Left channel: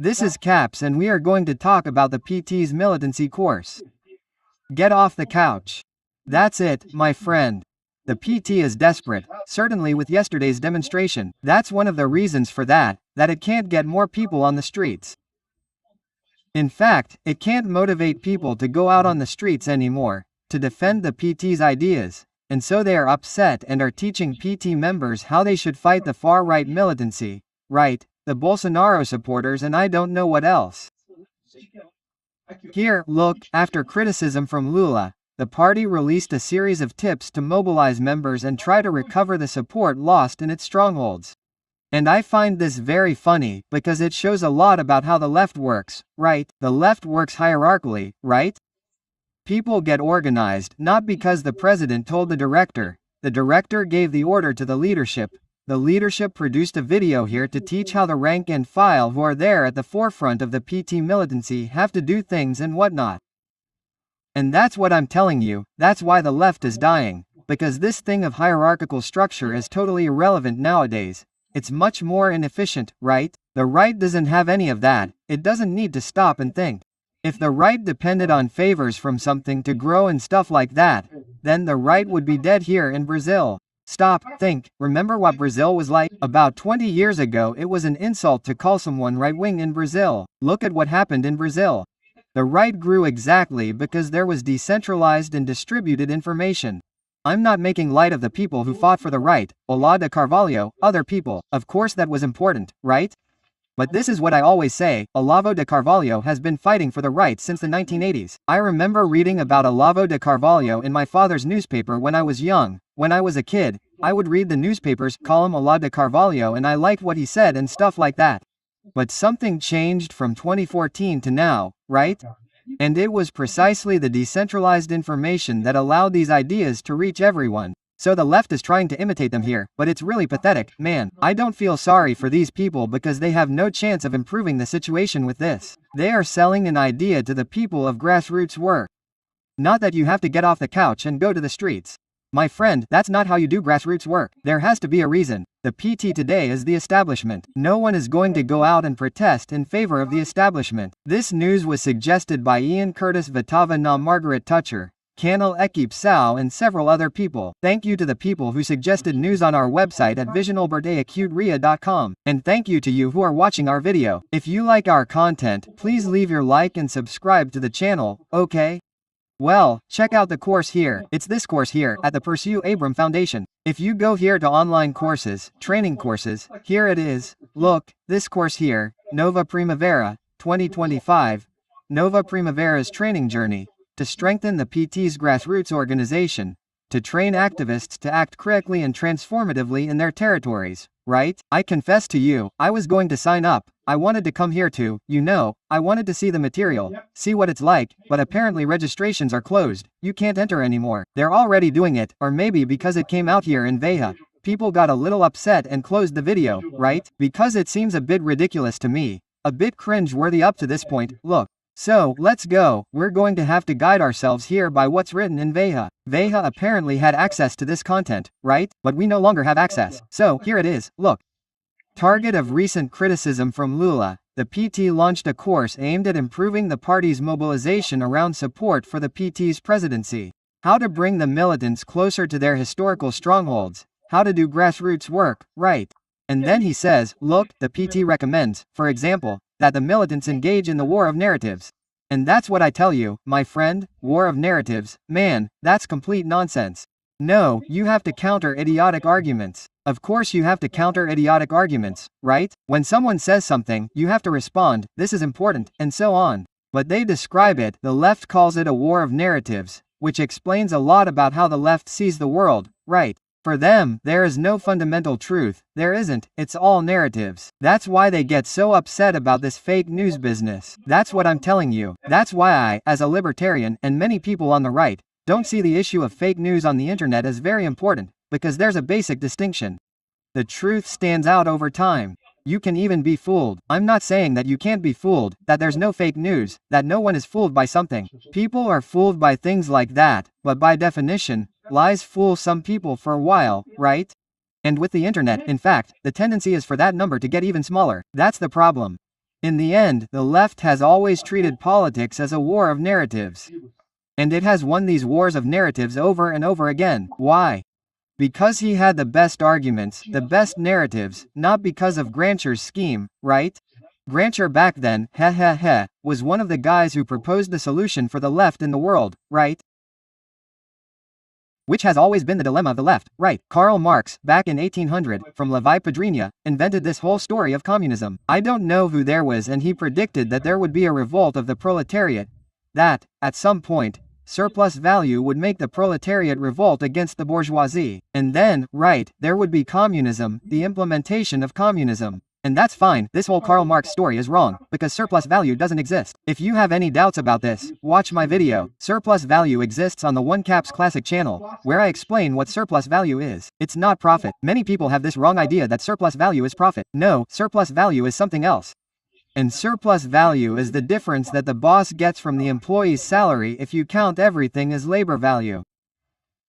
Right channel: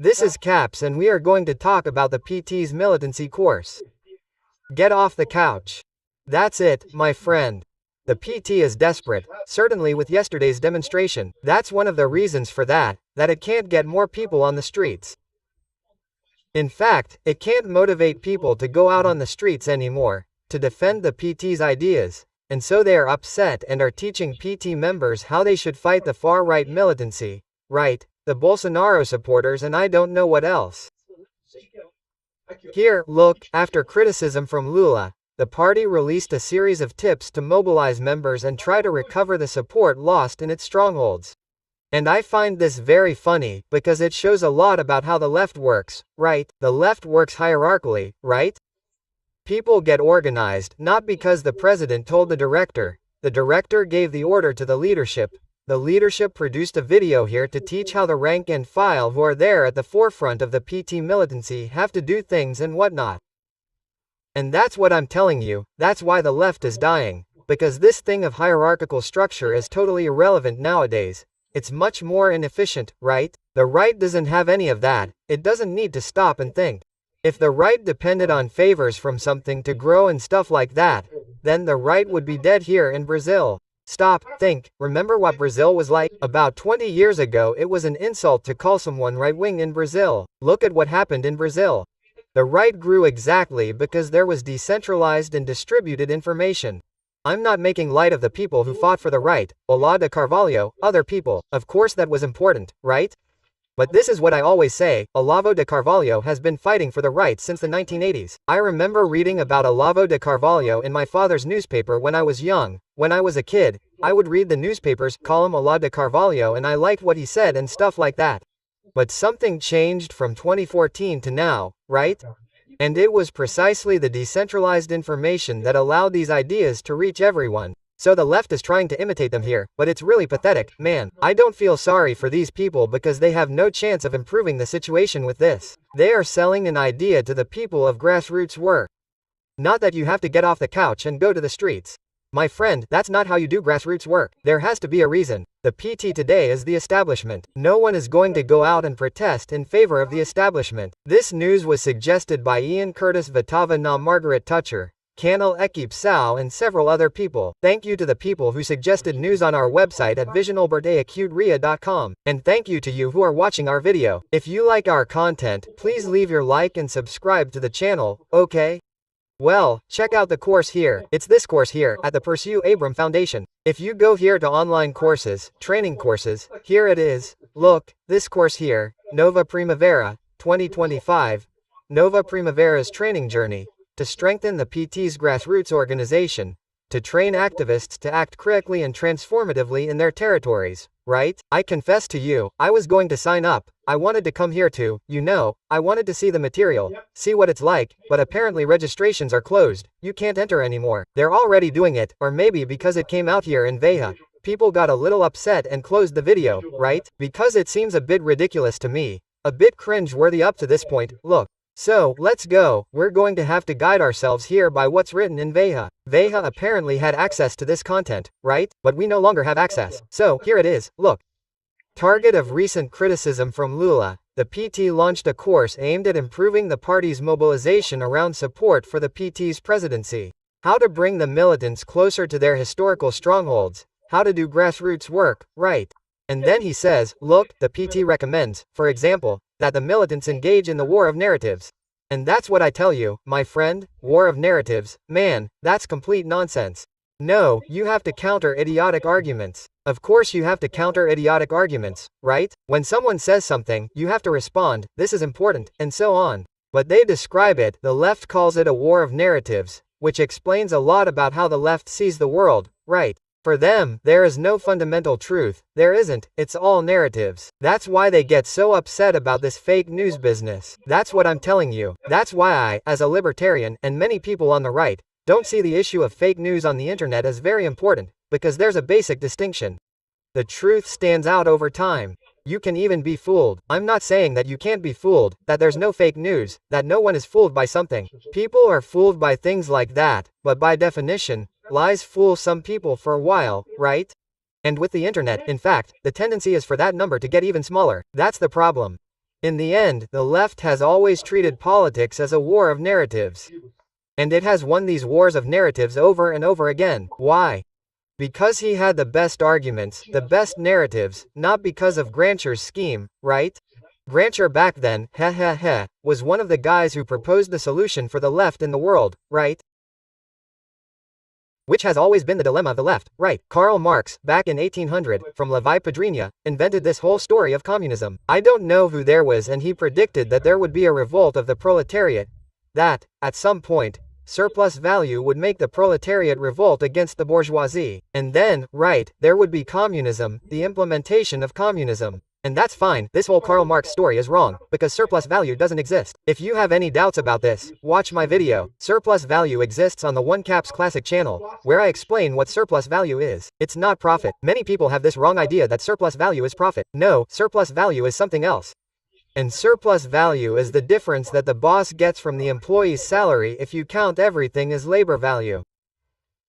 This is Caps and we are going to talk about the PT's militancy course. Get off the couch. That's it, my friend. The PT is desperate, certainly with yesterday's demonstration. That's one of the reasons for that it can't get more people on the streets. In fact, it can't motivate people to go out on the streets anymore, to defend the PT's ideas, and so they are upset and are teaching PT members how they should fight the far-right militancy, right, the Bolsonaro supporters and I don't know what else. Here, look, after criticism from LULA, the party released a series of tips to mobilize members and try to recover the support lost in its strongholds. And I find this very funny, because it shows a lot about how the left works, right? The left works hierarchically, right? People get organized, not because the president told the director gave the order to the leadership produced a video here to teach how the rank and file who are there at the forefront of the PT militancy have to do things and whatnot. And that's what I'm telling you, that's why the left is dying, because this thing of hierarchical structure is totally irrelevant nowadays. It's much more inefficient, right? The right doesn't have any of that, it doesn't need to stop and think. If the right depended on favors from something to grow and stuff like that, then the right would be dead here in Brazil. Stop, think, remember what Brazil was like? About 20 years ago it was an insult to call someone right-wing in Brazil. Look at what happened in Brazil. The right grew exactly because there was decentralized and distributed information. I'm not making light of the people who fought for the right, Olavo de Carvalho, other people, of course that was important, right? But this is what I always say, Olavo de Carvalho has been fighting for the right since the 1980s. I remember reading about Olavo de Carvalho in my father's newspaper when I was young. When I was a kid, I would read the newspapers, column Olavo de Carvalho and I liked what he said and stuff like that. But something changed from 2014 to now, right? And it was precisely the decentralized information that allowed these ideas to reach everyone. So the left is trying to imitate them here, but it's really pathetic, man. I don't feel sorry for these people because they have no chance of improving the situation with this. They are selling an idea to the people of grassroots work. Not that you have to get off the couch and go to the streets. My friend, that's not how you do grassroots work. There has to be a reason. The PT today is the establishment. No one is going to go out and protest in favor of the establishment. This news was suggested by Ian Curtis Vitava na Margaret Toucher, Canal Equipe Sao and several other people. Thank you to the people who suggested news on our website at visionalberteacuteria.com. And thank you to you who are watching our video. If you like our content, please leave your like and subscribe to the channel, okay? Well, check out the course here. It's this course here, at the Pursue Abram Foundation. If you go here to online courses, training courses, here it is. Look, this course here, Nova Primavera, 2025. Nova Primavera's training journey. To strengthen the PT's grassroots organization, to train activists to act correctly and transformatively in their territories, right? I confess to you, I was going to sign up. I wanted to come here to, I wanted to see the material, see what it's like, but apparently registrations are closed. You can't enter anymore. They're already doing it, or maybe because it came out here in Veja. People got a little upset and closed the video, right? Because it seems a bit ridiculous to me. A bit cringe-worthy up to this point, look. So, let's go, we're going to have to guide ourselves here by what's written in Veja. Veja apparently had access to this content, right? But we no longer have access. So, here it is, look. Target of recent criticism from LULA, the PT launched a course aimed at improving the party's mobilization around support for the PT's presidency. How to bring the militants closer to their historical strongholds. How to do grassroots work, right? And then he says, look, the PT recommends, for example, that the militants engage in the war of narratives. And that's what I tell you, my friend, war of narratives, man, that's complete nonsense. No, you have to counter idiotic arguments. Of course you have to counter idiotic arguments, right? When someone says something, you have to respond, this is important, and so on. But they describe it, the left calls it a war of narratives, which explains a lot about how the left sees the world, right? For them, there is no fundamental truth, there isn't, it's all narratives. That's why they get so upset about this fake news business. That's what I'm telling you. That's why I, as a libertarian, and many people on the right, don't see the issue of fake news on the internet as very important, because there's a basic distinction. The truth stands out over time. You can even be fooled. I'm not saying that you can't be fooled, that there's no fake news, that no one is fooled by something. People are fooled by things like that, but by definition, lies fool some people for a while, right? And with the internet, in fact, the tendency is for that number to get even smaller. That's the problem. In the end, the left has always treated politics as a war of narratives. And it has won these wars of narratives over and over again. Why? Because he had the best arguments, the best narratives, not because of Grancher's scheme, right? Grancher back then, was one of the guys who proposed the solution for the left in the world, right? Which has always been the dilemma of the left, right? Karl Marx, back in 1800, from Levi Padrinia, invented this whole story of communism. I don't know who there was, and he predicted that there would be a revolt of the proletariat, that, at some point, surplus value would make the proletariat revolt against the bourgeoisie. And then, right, there would be communism, the implementation of communism. And that's fine, this whole Karl Marx story is wrong, because surplus value doesn't exist. If you have any doubts about this, watch my video. Surplus value exists on the One Caps Classic channel, where I explain what surplus value is. It's not profit. Many people have this wrong idea that surplus value is profit. No, surplus value is something else. And surplus value is the difference that the boss gets from the employee's salary if you count everything as labor value.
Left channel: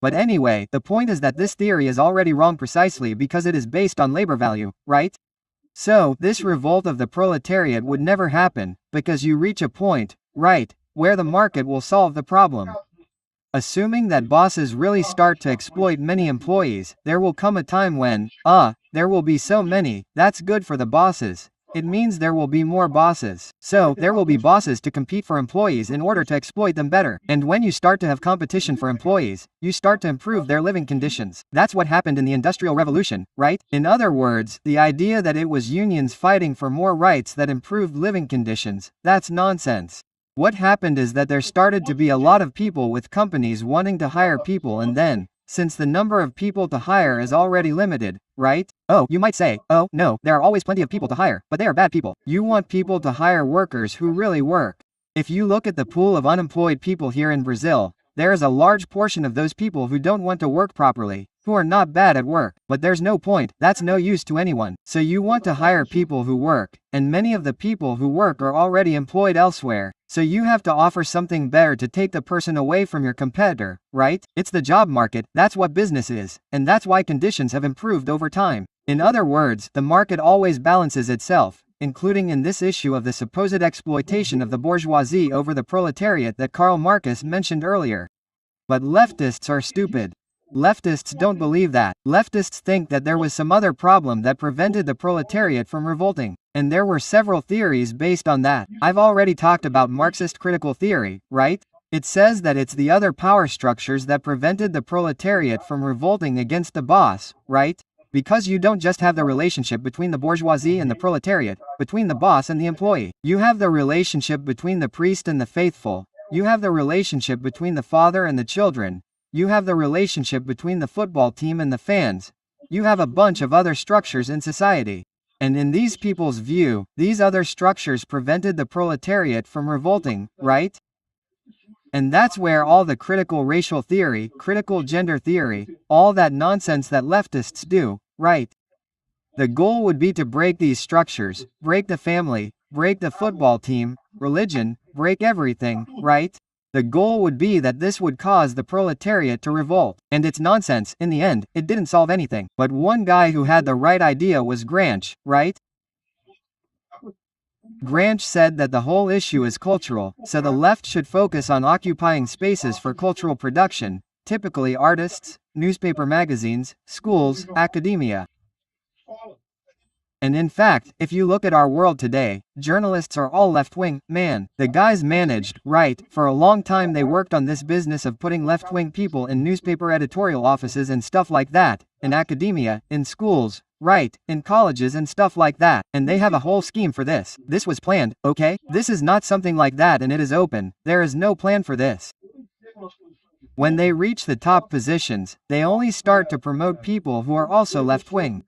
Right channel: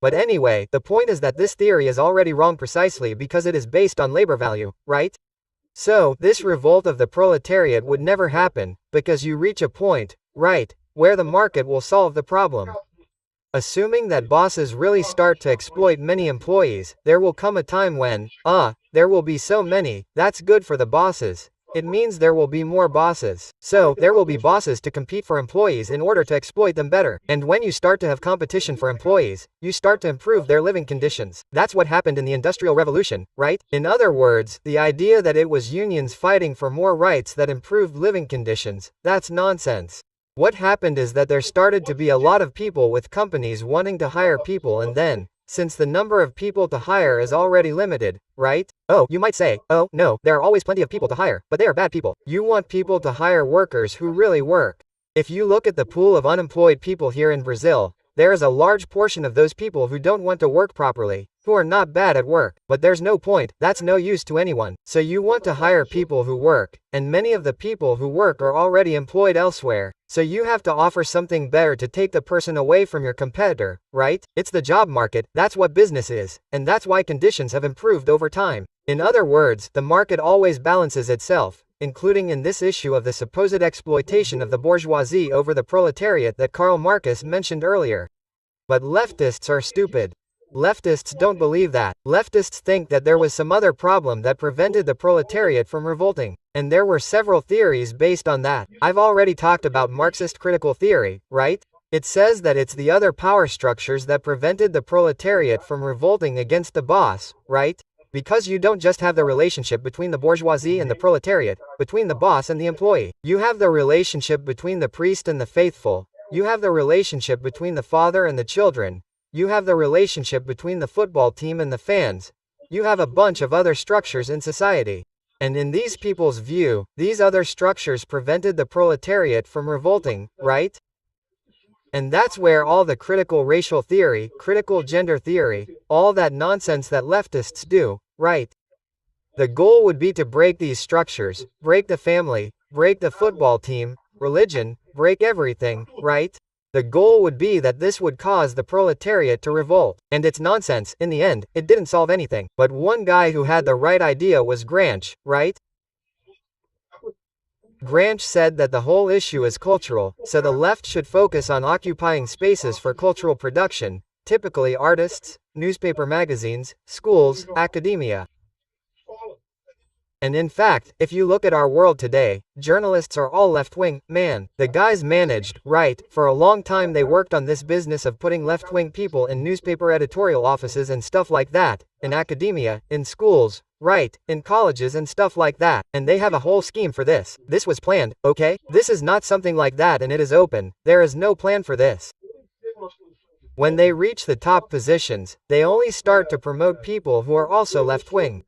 But anyway, the point is that this theory is already wrong precisely because it is based on labor value, right? So, this revolt of the proletariat would never happen, because you reach a point, right, where the market will solve the problem. Assuming that bosses really start to exploit many employees, there will come a time when, there will be so many, that's good for the bosses. It means there will be more bosses. So, there will be bosses to compete for employees in order to exploit them better. And when you start to have competition for employees, you start to improve their living conditions. That's what happened in the Industrial Revolution, right? In other words, the idea that it was unions fighting for more rights that improved living conditions, that's nonsense. What happened is that there started to be a lot of people with companies wanting to hire people, and then, since the number of people to hire is already limited, right? Oh, you might say, oh, no, there are always plenty of people to hire, but they are bad people. You want people to hire workers who really work. If you look at the pool of unemployed people here in Brazil, there is a large portion of those people who don't want to work properly, who are not bad at work, but there's no point, that's no use to anyone. So you want to hire people who work, and many of the people who work are already employed elsewhere. So you have to offer something better to take the person away from your competitor, right? It's the job market, that's what business is, and that's why conditions have improved over time. In other words, the market always balances itself, including in this issue of the supposed exploitation of the bourgeoisie over the proletariat that Karl Marx mentioned earlier. But leftists are stupid. Leftists don't believe that. Leftists think that there was some other problem that prevented the proletariat from revolting. And there were several theories based on that. I've already talked about Marxist critical theory, right? It says that it's the other power structures that prevented the proletariat from revolting against the boss, right? Because you don't just have the relationship between the bourgeoisie and the proletariat, between the boss and the employee. You have the relationship between the priest and the faithful. You have the relationship between the father and the children. You have the relationship between the football team and the fans. You have a bunch of other structures in society. And in these people's view, these other structures prevented the proletariat from revolting, right? And that's where all the critical racial theory, critical gender theory, all that nonsense that leftists do, right? The goal would be to break these structures, break the family, break the football team, religion, break everything, right? The goal would be that this would cause the proletariat to revolt. And it's nonsense, in the end, it didn't solve anything. But one guy who had the right idea was Gramsci, right? Gramsci said that the whole issue is cultural, so the left should focus on occupying spaces for cultural production, typically artists, newspaper magazines, schools, academia. And in fact, if you look at our world today, journalists are all left-wing, man. The guys managed, right, for a long time they worked on this business of putting left-wing people in newspaper editorial offices and stuff like that, in academia, in schools, right, in colleges and stuff like that. And they have a whole scheme for this. This was planned, okay? This is not something like that and it is open. There is no plan for this. When they reach the top positions, they only start to promote people who are also left-wing.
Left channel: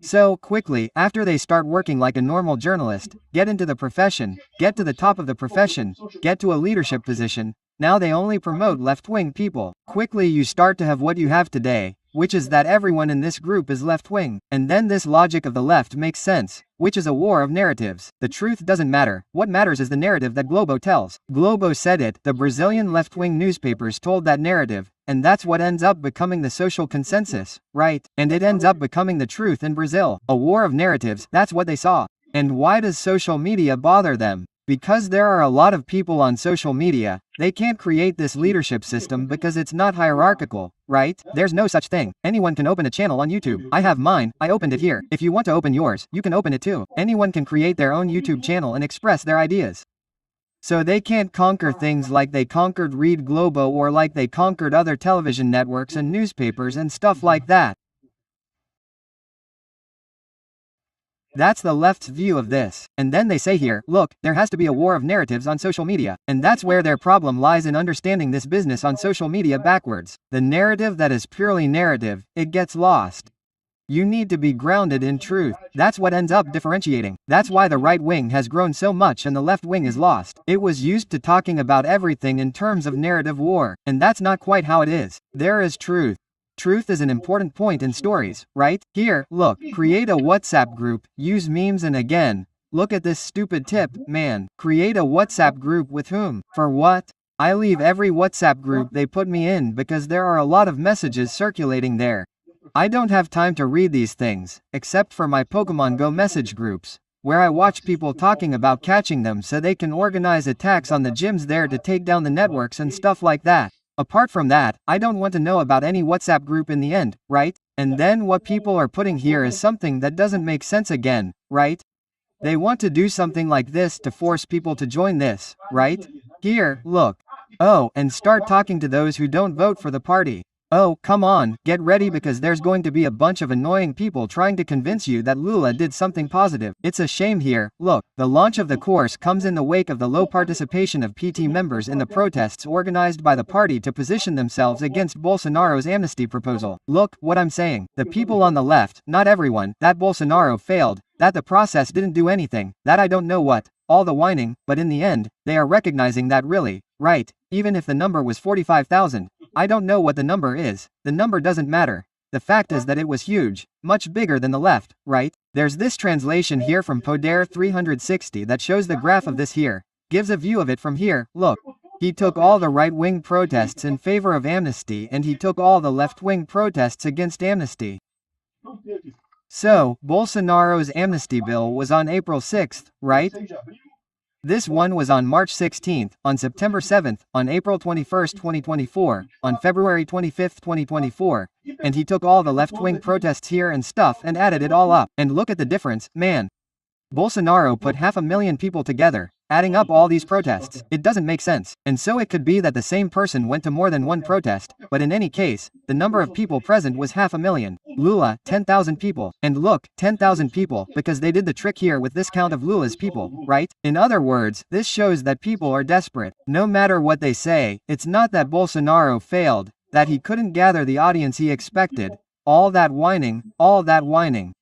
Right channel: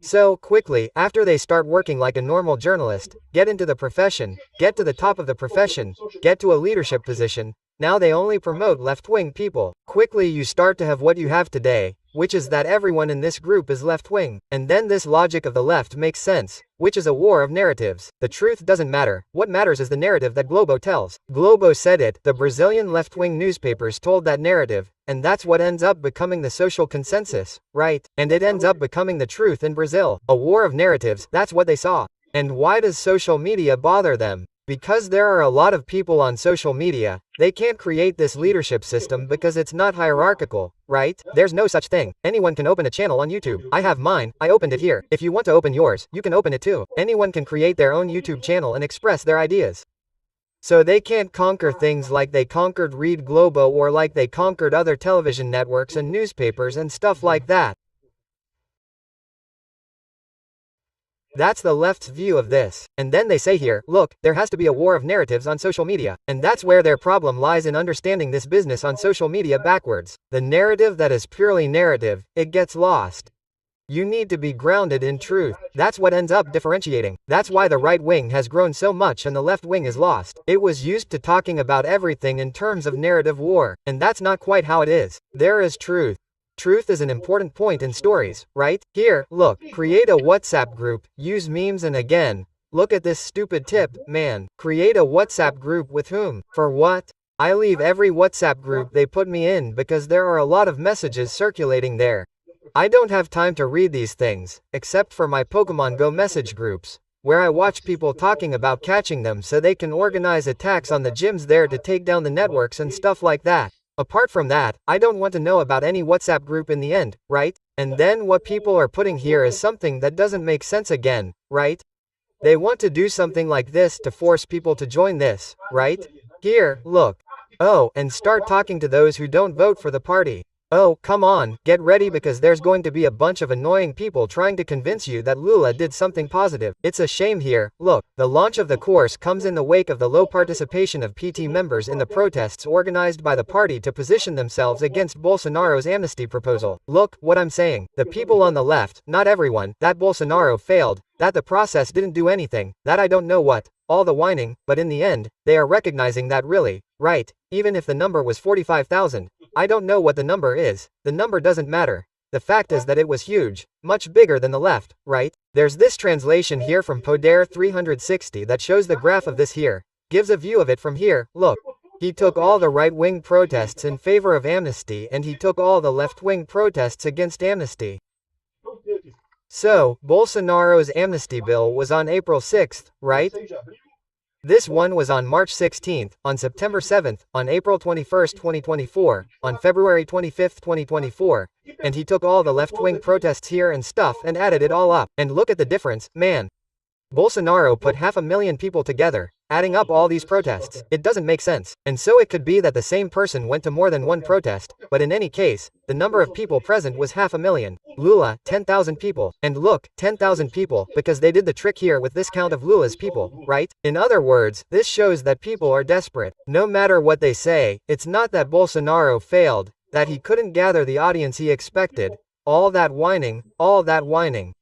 So, quickly, after they start working like a normal journalist, get into the profession, get to the top of the profession, get to a leadership position, now they only promote left-wing people. Quickly you start to have what you have today, which is that everyone in this group is left-wing. And then this logic of the left makes sense, which is a war of narratives. The truth doesn't matter, what matters is the narrative that Globo tells. Globo said it, the Brazilian left-wing newspapers told that narrative, and that's what ends up becoming the social consensus, right? And it ends up becoming the truth in Brazil. A war of narratives, that's what they saw. And why does social media bother them? Because there are a lot of people on social media, they can't create this leadership system because it's not hierarchical, right? There's no such thing. Anyone can open a channel on YouTube. I have mine, I opened it here. If you want to open yours, you can open it too. Anyone can create their own YouTube channel and express their ideas. So they can't conquer things like they conquered Read Globo or like they conquered other television networks and newspapers and stuff like that. That's the left's view of this. And then they say here, look, there has to be a war of narratives on social media. And that's where their problem lies in understanding this business on social media backwards. The narrative that is purely narrative, it gets lost. You need to be grounded in truth. That's what ends up differentiating. That's why the right wing has grown so much and the left wing is lost. It was used to talking about everything in terms of narrative war. And that's not quite how it is. There is truth. Truth is an important point in stories, right? Here, look, create a WhatsApp group, use memes and again, look at this stupid tip, man. Create a WhatsApp group with whom? For what? I leave every WhatsApp group they put me in because there are a lot of messages circulating there. I don't have time to read these things, except for my Pokemon Go message groups, where I watch people talking about catching them so they can organize attacks on the gyms there to take down the networks and stuff like that. Apart from that, I don't want to know about any WhatsApp group in the end, right? And then what people are putting here is something that doesn't make sense again, right? They want to do something like this to force people to join this, right? Here, look. Oh, and start talking to those who don't vote for the party. Oh, come on, get ready because there's going to be a bunch of annoying people trying to convince you that LULA did something positive. It's a shame here. Look, the launch of the course comes in the wake of the low participation of PT members in the protests organized by the party to position themselves against Bolsonaro's amnesty proposal. Look, what I'm saying. The people on the left, not everyone, that Bolsonaro failed, that the process didn't do anything, that I don't know what, all the whining, but in the end, they are recognizing that really, right, even if the number was 45,000. I don't know what the number is, the number doesn't matter. The fact is that it was huge, much bigger than the left, right? There's this translation here from Poder 360 that shows the graph of this here, gives a view of it from here, look. He took all the right-wing protests in favor of amnesty and he took all the left-wing protests against amnesty. So, Bolsonaro's amnesty bill was on April 6th, right? This one was on March 16th, on September 7th, on April 21st, 2024, on February 25th, 2024, and he took all the left-wing protests here and stuff and added it all up. And look at the difference, man. Bolsonaro put 500,000 people together, adding up all these protests. It doesn't make sense. And so it could be that the same person went to more than one protest, but in any case, the number of people present was 500,000. LULA, 10,000 people. And look, 10,000 people, because they did the trick here with this count of LULA's people, right? In other words, this shows that people are desperate. No matter what they say, it's not that Bolsonaro failed, that he couldn't gather the audience he expected. All that whining, all that whining.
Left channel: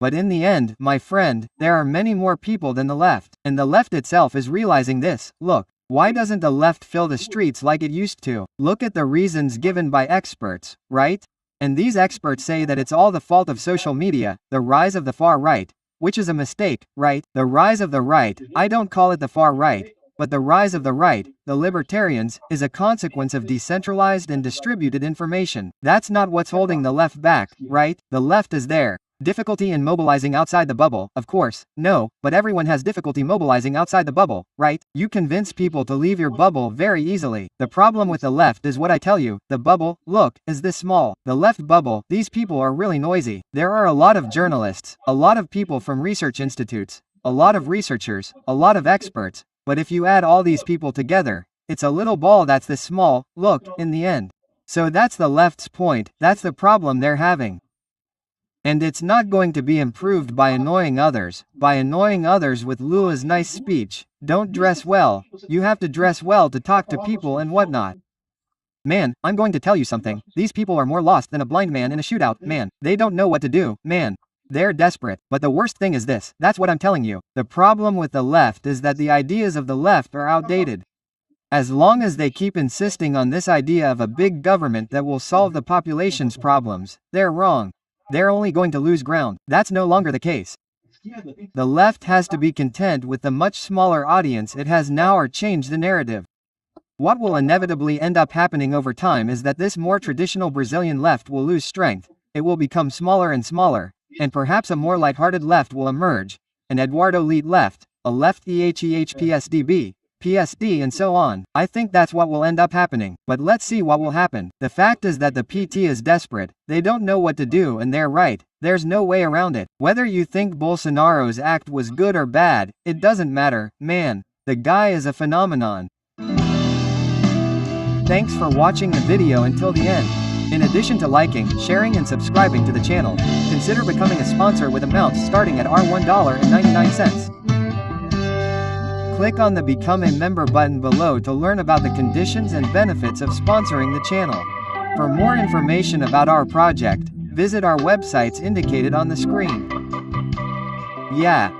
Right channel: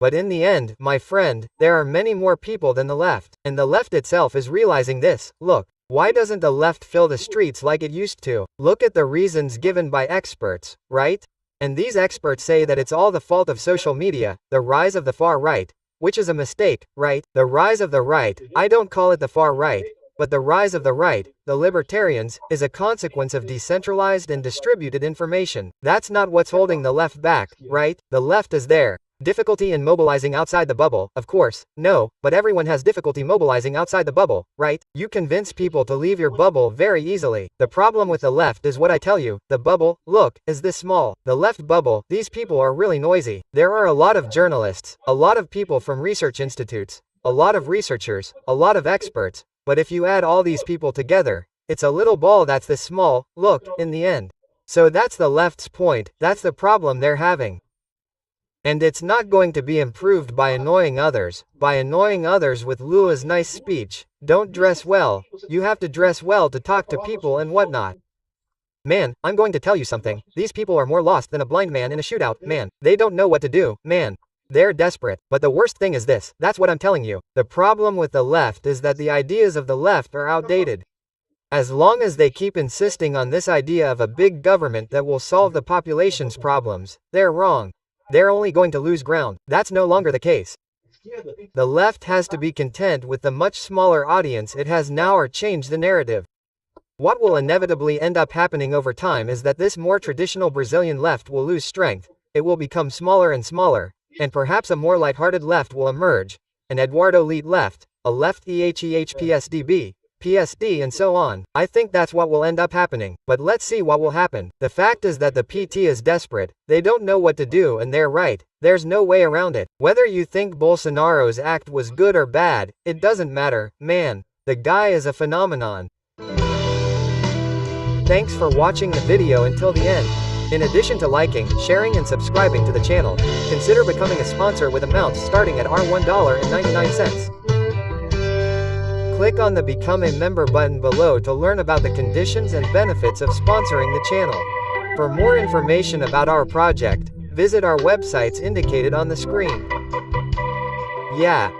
But in the end, my friend, there are many more people than the left. And the left itself is realizing this. Look, why doesn't the left fill the streets like it used to? Look at the reasons given by experts, right? And these experts say that it's all the fault of social media, the rise of the far right, which is a mistake, right? The rise of the right, I don't call it the far right, but the rise of the right, the libertarians, is a consequence of decentralized and distributed information. That's not what's holding the left back, right? The left is there. Difficulty in mobilizing outside the bubble, of course, no, but everyone has difficulty mobilizing outside the bubble, right? You convince people to leave your bubble very easily. The problem with the left is what I tell you, the bubble, look, is this small. The left bubble, these people are really noisy. There are a lot of journalists, a lot of people from research institutes, a lot of researchers, a lot of experts, but if you add all these people together, it's a little ball that's this small, look, in the end. So that's the left's point, that's the problem they're having. And it's not going to be improved by annoying others with LULA's nice speech. Don't dress well, you have to dress well to talk to people and whatnot. Man, I'm going to tell you something, these people are more lost than a blind man in a shootout, man. They don't know what to do, man. They're desperate, but the worst thing is this, that's what I'm telling you. The problem with the left is that the ideas of the left are outdated. As long as they keep insisting on this idea of a big government that will solve the population's problems, they're wrong. They're only going to lose ground. That's no longer the case. The left has to be content with the much smaller audience it has now or change the narrative. What will inevitably end up happening over time is that this more traditional Brazilian left will lose strength, it will become smaller and smaller, and perhaps a more lighthearted left will emerge, and Eduardo Leet left, a left EHEHPSDB, PSD and so on. I think that's what will end up happening, but let's see what will happen. The fact is that the PT is desperate, they don't know what to do and they're right, there's no way around it. Whether you think Bolsonaro's act was good or bad, it doesn't matter, man. The guy is a phenomenon. Thanks for watching the video until the end. In addition to liking, sharing and subscribing to the channel, consider becoming a sponsor with amounts starting at $1.99. Click on the Become a Member button below to learn about the conditions and benefits of sponsoring the channel. For more information about our project, visit our websites indicated on the screen. Yeah.